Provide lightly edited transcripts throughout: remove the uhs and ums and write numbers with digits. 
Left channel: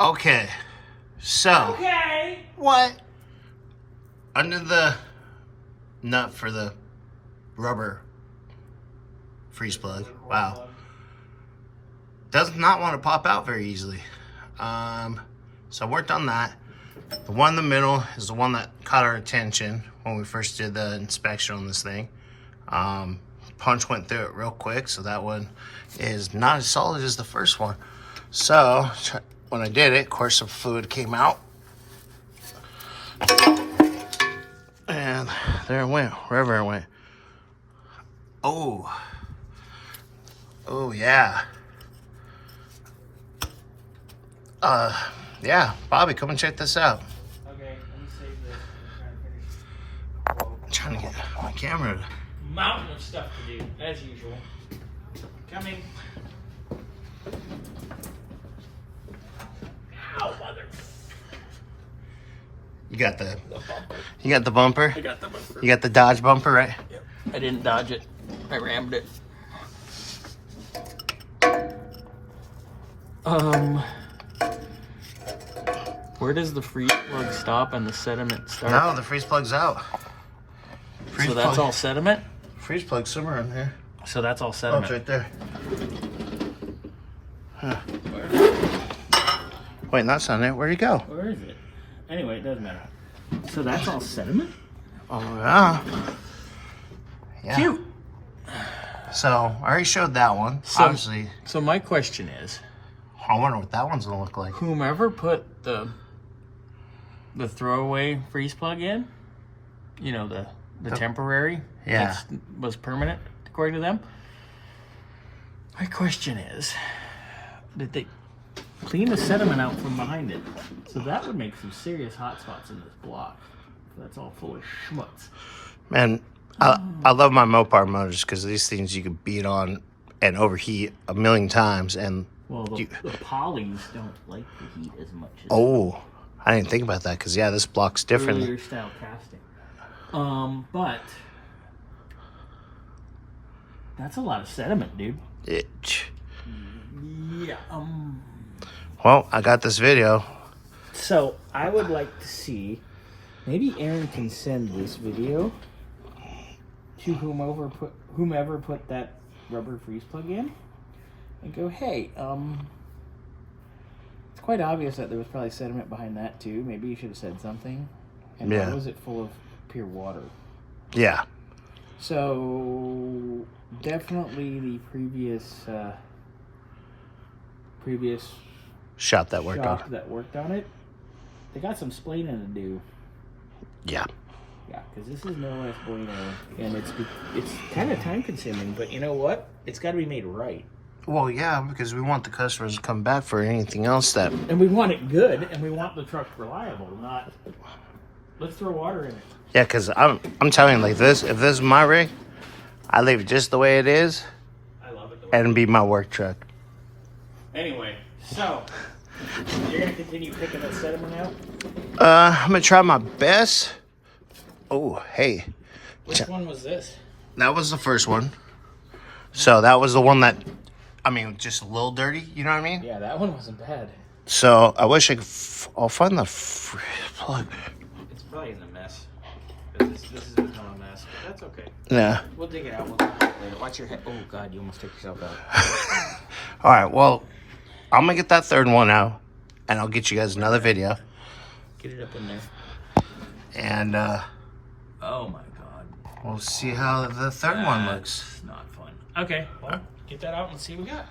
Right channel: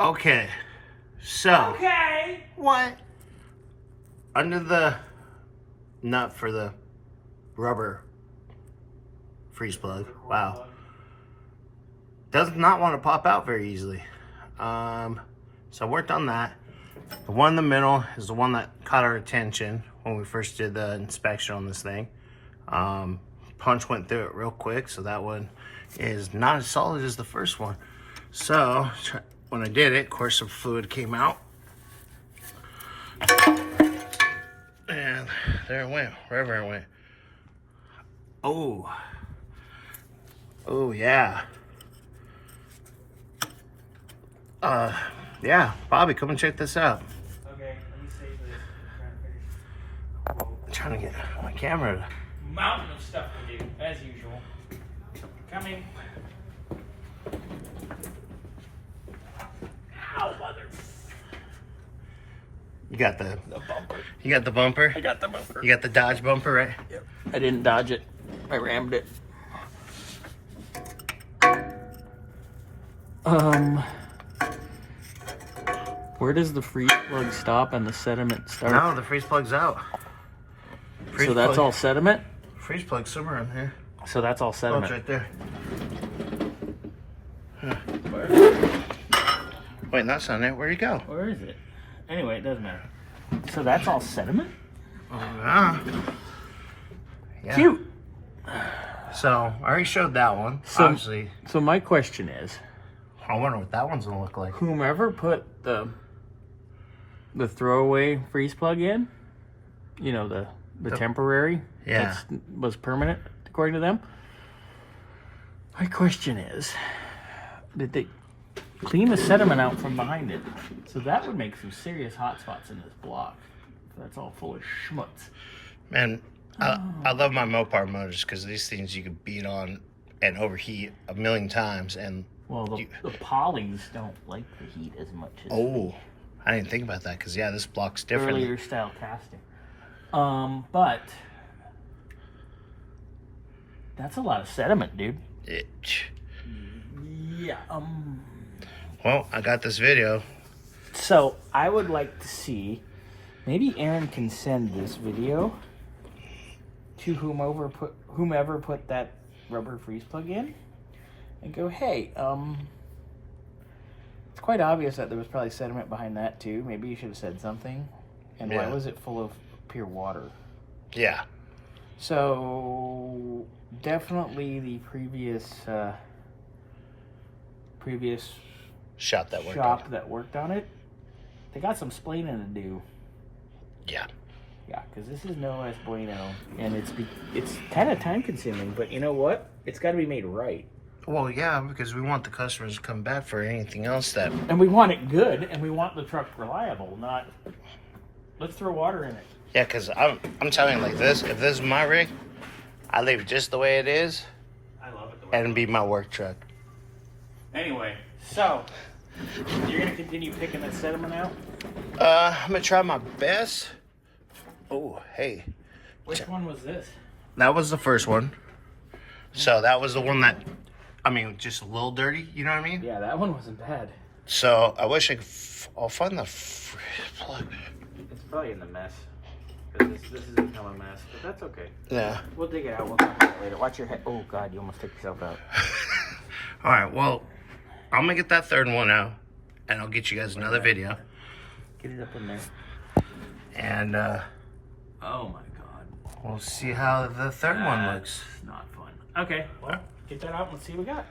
Okay, so. Okay. What? Under the nut for the rubber freeze plug. Wow. Does not want to pop out very easily. So I worked on that. The one in the middle is the one that caught our attention when we first did the inspection on this thing. Punch went through it real quick, so that one is not as solid as the first one. So when I did it, of course, some fluid came out. And there it went, wherever it went. Oh. Oh, yeah. Yeah, Bobby, come and check this out. Okay, let me save this. I'm trying to get my camera to... Mountain of stuff to do, as usual. Coming. Ow, mother. You got the bumper. You got the bumper? I got the bumper. You got the Dodge bumper, right? Yep. I didn't dodge it. I rammed it. Where does the freeze plug stop and the sediment start? No, the freeze plug's out. So that's all sediment? Freeze plug's somewhere in here. So that's all Oh, sediment. it's right there. Huh. Where? Wait, that's not it. Where'd it go? Where is it? Anyway, it doesn't matter. So that's all sediment? Oh, yeah. Yeah. Cute. So, I already showed that one. So- Obviously, So my question is, I wonder what that one's gonna look like. whomever put the throwaway freeze plug in, you know, the temporary, Yeah. was permanent according to them. My question is, did they clean the sediment out from behind it? So that would make some serious hot spots in this block. That's all full of schmutz. Man, I love my Mopar motors because these things you can beat on and overheat a million times. And Well, the polys don't like the heat as much as oh, I didn't think about that because yeah, this block's different. earlier style casting. But that's a lot of sediment, dude. Yeah. Well, I got this video. So I would like to see, maybe Aaron can send this video to whomever put that rubber freeze plug in, and go, hey, it's quite obvious that there was probably sediment behind that too. Maybe you should have said something. And why Yeah. was it full of pure water? Yeah. So definitely the previous Shop that worked shop on. that worked on it, they got some splaining to do. Yeah. Yeah, because this is no less bueno, and it's kind of time consuming. But you know what? It's got to be made right. Well, yeah, because we want the customers to come back for anything else that. And we want it good, and we want the truck reliable. Not let's throw water in it. Yeah, because I'm telling you, like this, if this is my rig, I leave it just the way it is, I love it. and it'd be my work truck. Anyway, so you're gonna continue picking that sediment out. I'm gonna try my best. Oh, hey, Which one was this? that was the first one. So that was the one that, I mean, just a little dirty. You know what I mean? Yeah, that one wasn't bad. So I wish I could. I'll find the plug. It's probably in the mess. This has become a mess, but that's okay. Yeah. We'll dig it out. We'll talk about it later. Watch your head. Oh God, you almost took yourself out. All right. Well, I'm gonna get that third one out, and I'll get you guys another video. Get it up in there. And Oh my God. we'll see how the third one looks. That's not fun. Okay, well, get that out and let's see what we got.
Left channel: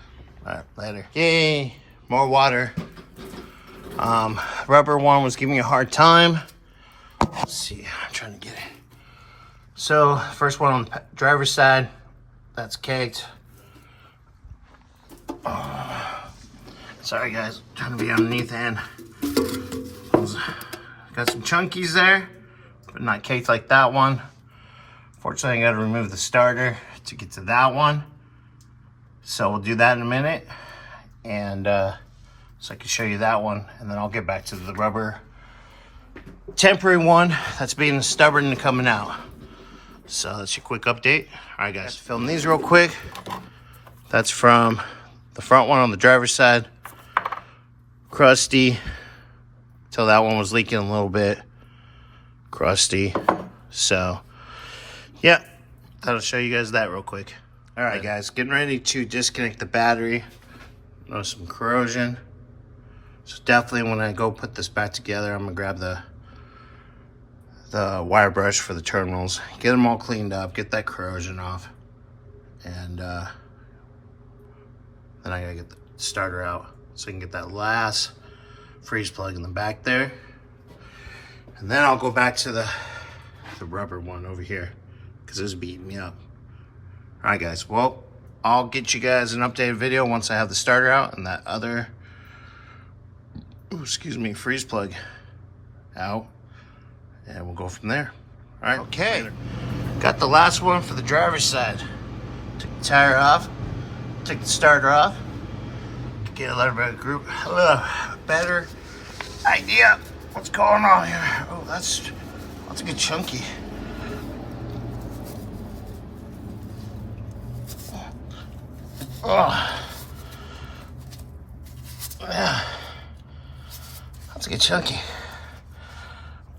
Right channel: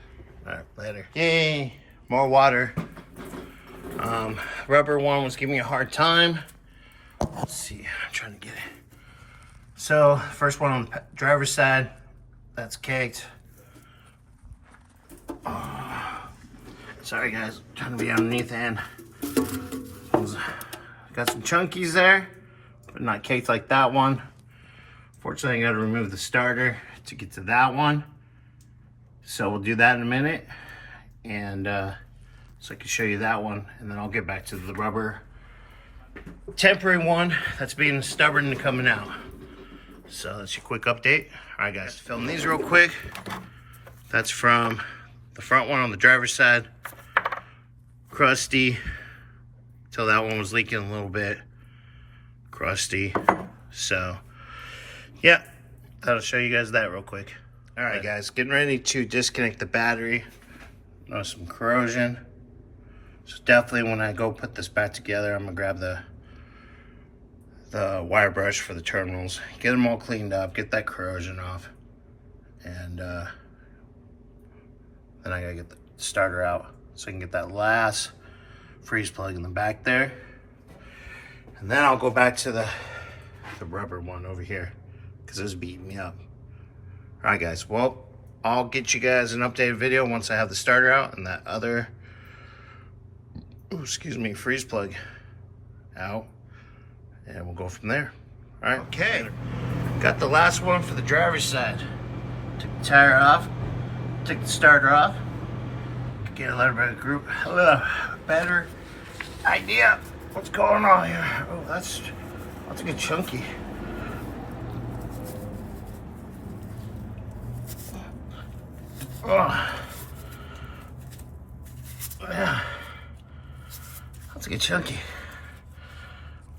All right, later. Yay, more water. Rubber one was giving me a hard time. Let's see, I'm trying to get it. So, first one on the driver's side, that's caked. Sorry guys, trying to be underneath the end. Got some chunkies there, but not caked like that one. Fortunately, I gotta remove the starter to get to that one. So we'll do that in a minute. And so I can show you that one, and then I'll get back to the rubber temporary one that's being stubborn and coming out. So that's your quick update. All right guys, film these real quick. That's from the front one on the driver's side. crusty. Till that one was leaking a little bit. Crusty. So, yeah. I'll show you guys that real quick. Alright guys, getting ready to disconnect the battery. Notice some corrosion. So definitely when I go put this back together, I'm gonna grab the wire brush for the terminals, get them all cleaned up, get that corrosion off, and then I gotta get the starter out so I can get that last freeze plug in the back there, and then I'll go back to the rubber one over here because it was beating me up. All right guys, well, I'll get you guys an updated video once I have the starter out and that other freeze plug out, and we'll go from there. All right. Okay. Later. Got the last one for the driver's side. Took the tire off. Took the starter off. Get a little bit of group. A better idea what's going on here. Oh, that's a good chunky. Oh. Yeah. That's a good chunky.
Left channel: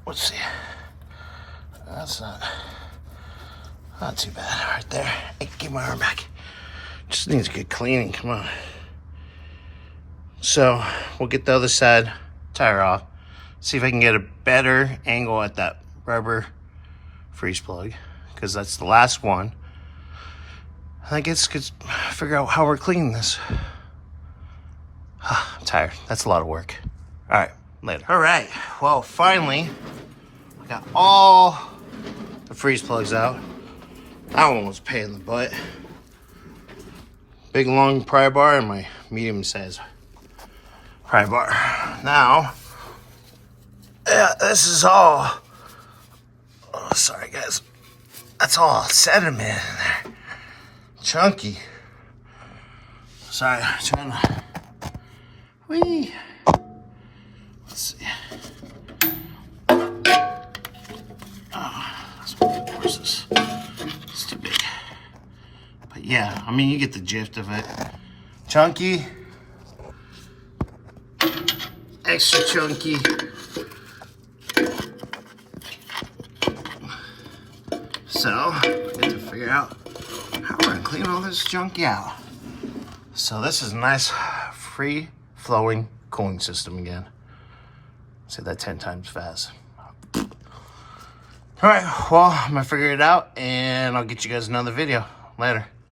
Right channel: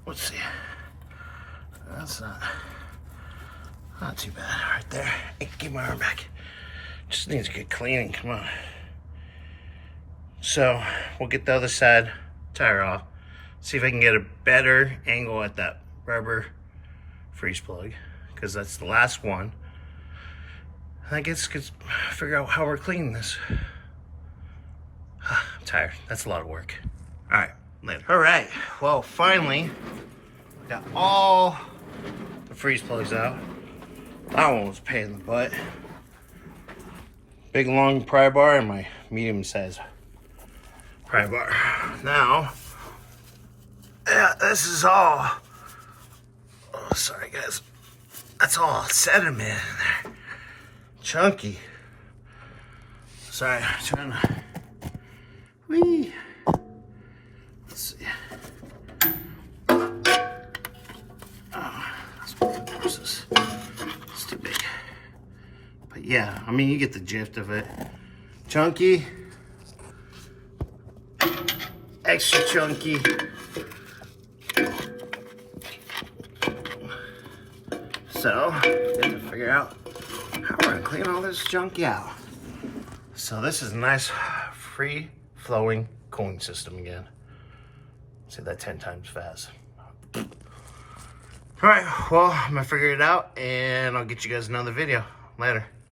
Let's see. That's not too bad right there. Hey, give my arm back. Just needs a good cleaning, come on. So we'll get the other side tire off. See if I can get a better angle at that rubber freeze plug, because that's the last one. I guess could figure out how we're cleaning this. I'm tired. That's a lot of work. All right, later. All right, well, finally, I got all the freeze plugs out. That one was a pain in the butt. Big long pry bar and my medium size pry bar. Now, yeah, this is all, oh, sorry guys. That's all sediment in there. Chunky. Sorry, I'm trying to, whee. Let's see. It's too big. But yeah, I mean, you get the gist of it. Chunky. Extra chunky. So, I need to figure out how we're gonna clean all this junky out. So this is a nice free flowing cooling system again. Say that 10 times fast. All right, well, I'm gonna figure it out and I'll get you guys another video later.